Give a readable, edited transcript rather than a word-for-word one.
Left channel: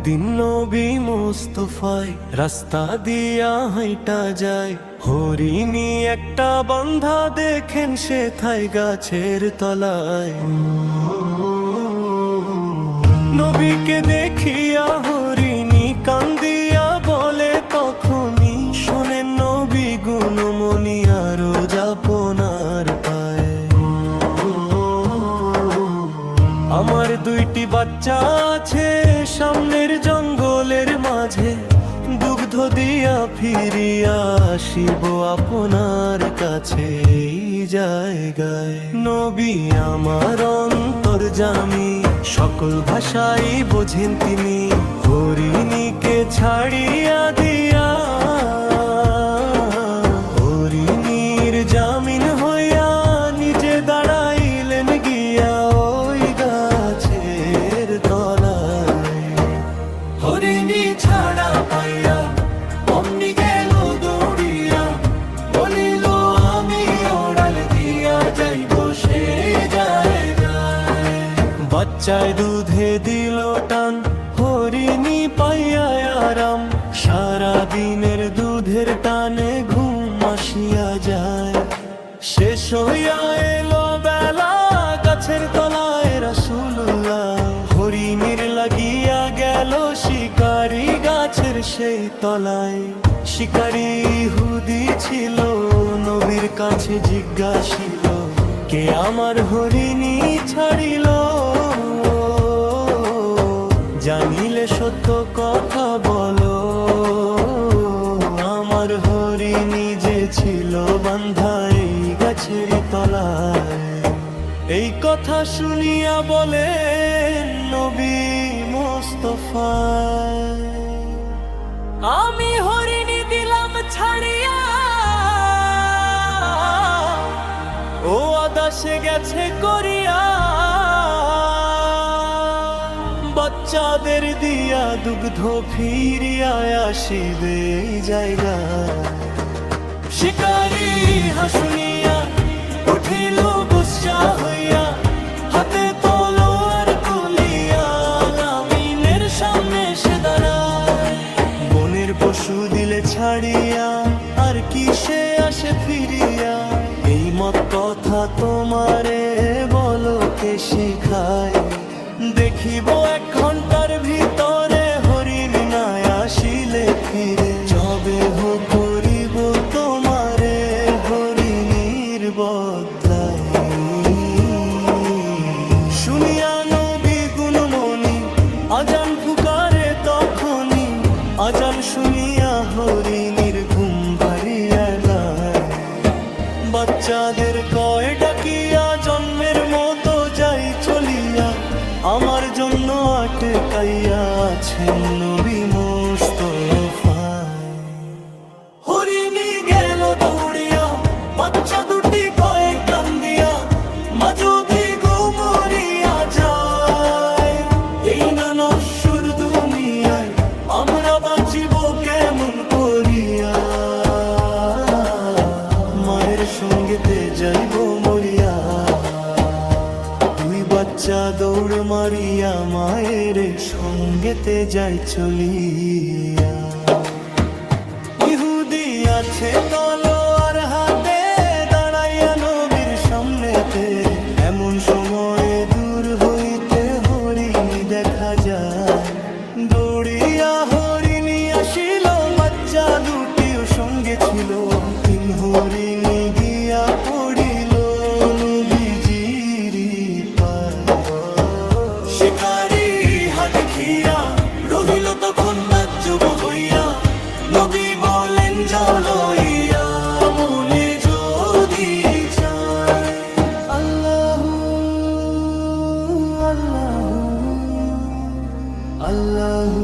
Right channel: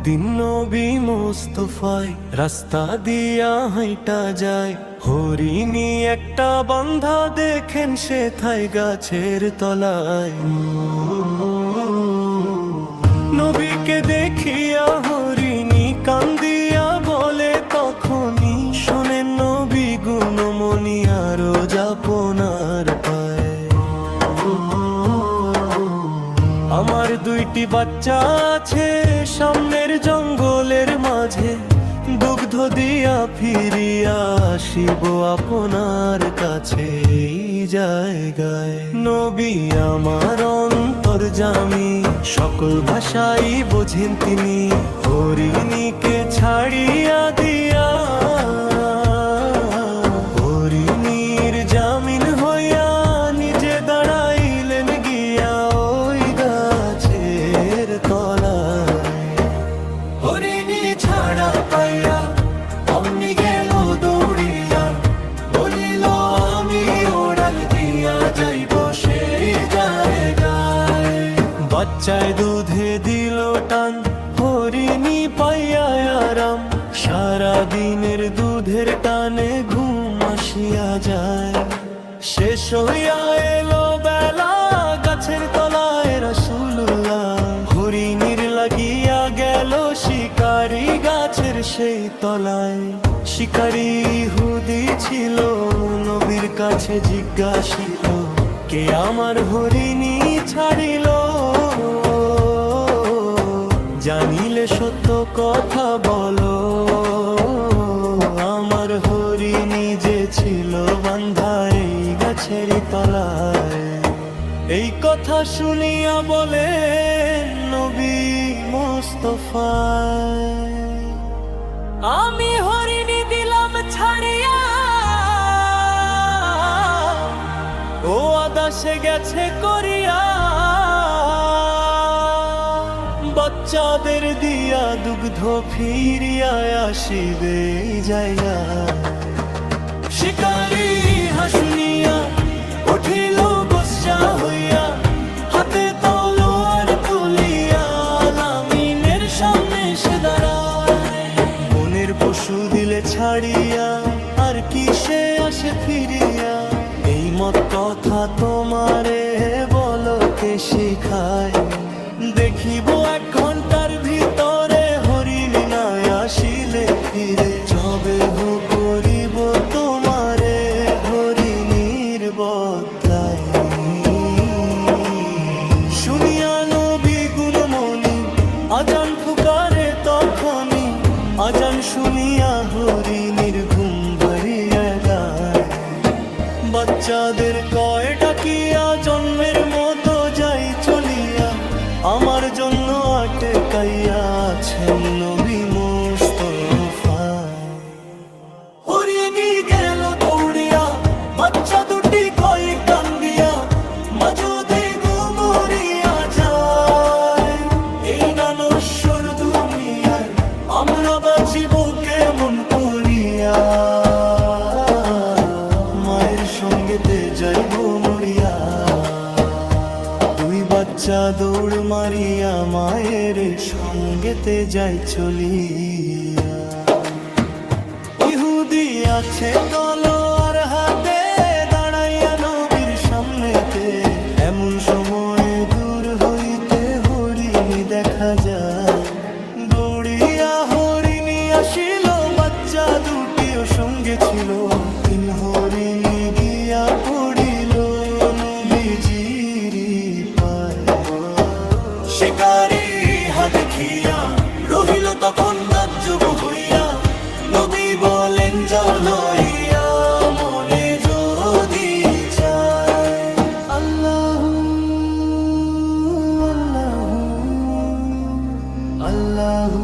একদিন নবী মুস্তাফায় রাস্তা দিয়া হাইটা যায়, হরিণী একটা বান্ধা দেখেন সে থাই গাছের তলায়। নবীকে দেখিয়া হরিণী কান্দিয়া বলে তখনই, শোনেন নবী গুণমণি আরো যাপনার পায়। আমার দুইটি বাচ্চা আছে সামনের জঙ্গলের মাঝে, দুগ্ধ দিয়া ফিরিয়া আসিব আপনার কাছে এই জায়গায়। নবী আমার অন্তর্যামী, সকল ভাষাই বোঝেন তিনি, হরিণীকে ছাড়িয়া দিয়া হরিণীর জামিন হইয়া নিজে দাঁড়াইলেন গিয়া ওই গাছের তলায়। হরিণী ছাড়া পাইয়া অমনি গেল দৌড়িয়া, বলিল আমি ওড়াল দিয়া যাইব সেই জায়গায়। বাচ্চায় দুধে দিল টান, হরিণী পাইয়া আরাম, সারা দিনের দুধের টানে ঘুম আসিয়া যায়। শেষ হইয়া এলো বেলা, গাছের তলায় রাসূলুল্লাহ, হরিণীর লাগিয়া গেল শিকারি গাছের সেই তলায়। শিকারি ইহুদি ছিল, নবীর কাছে জিজ্ঞাসিল, কে আমার হরিণী ছাড়িল? জানিলে সত্য কথা বলো, আমার হরিণী যে ছিল বান্ধা এই গাছেরই তলায়। এই কথা শুনিয়া বলেন নবী মুস্তাফা, আমি হরিণী দিলাম ছাড়িয়া, ও আদাসে গেছে করিয়া, বাচ্চাদের দিয়া দুগ্ধ ফিরিয়া আসিবে এই জায়গায়। শিকারি হাসুনিয়া উঠিল বস্যা হইয়া, হাতে তলোয়ার তুলিয়া আলামিনের সামনে সে দাঁড়ায়। বনের পশু দিলে ছাড়িয়া আর কি সে আসে ফিরিয়া, এই মত কথা তোমারে বলো কে শিখায়? দেখিব 1 ঘন্টার ভিতরে হরিণী না আসিলে ফিরে, যবে হো করিব তোমারে হরিণীর বদলায়। শুনিয়া নবী গুণমণি আজান ফুকারে তখনই, আজান শুনিয়া হরিণীর ঘুম ভারিয়া যায়। বাচ্চাদের কয় ডাকিয়া জন্মের মতো যাই চলিয়া, আমার জন্য আটকাইয়া আছেন নবী মুস্তাফা। হরিণী গেল দৌড়িয়া, বাচ্চা দুটি কয়ে কান্দিয়া, মা যদি ঘুমরিয়া যায়, এই না নশ্বর দুনিয়ায় আমরা বাঁচিব কেমন করিয়া? মায়ের সঙ্গেতে যাইব মরিয়া, দুই বাচ্চা দৌড় মারিয়া মায়ের সঙ্গেতে যাই চলিয়া। ইহুদি আছে তলোয়ার হাতে, দাঁড়াইয়া নবীর সামনেতে, এমন সময় দূর হইতে হরিণী দেখা যায়। দৌড়িয়া হরিণী আসিল, বাচ্চা দুটিও সঙ্গে ছিল, 3 হরিণী গিয়া পড়িল নবীজির পায়। শিকারি হা দেখিয়া রহিল তখন তাজ্জব হইয়া, নবী বলেন যাও লইয়া মনে যদি চায়। আল্লাহু আল্লাহু আল্লাহু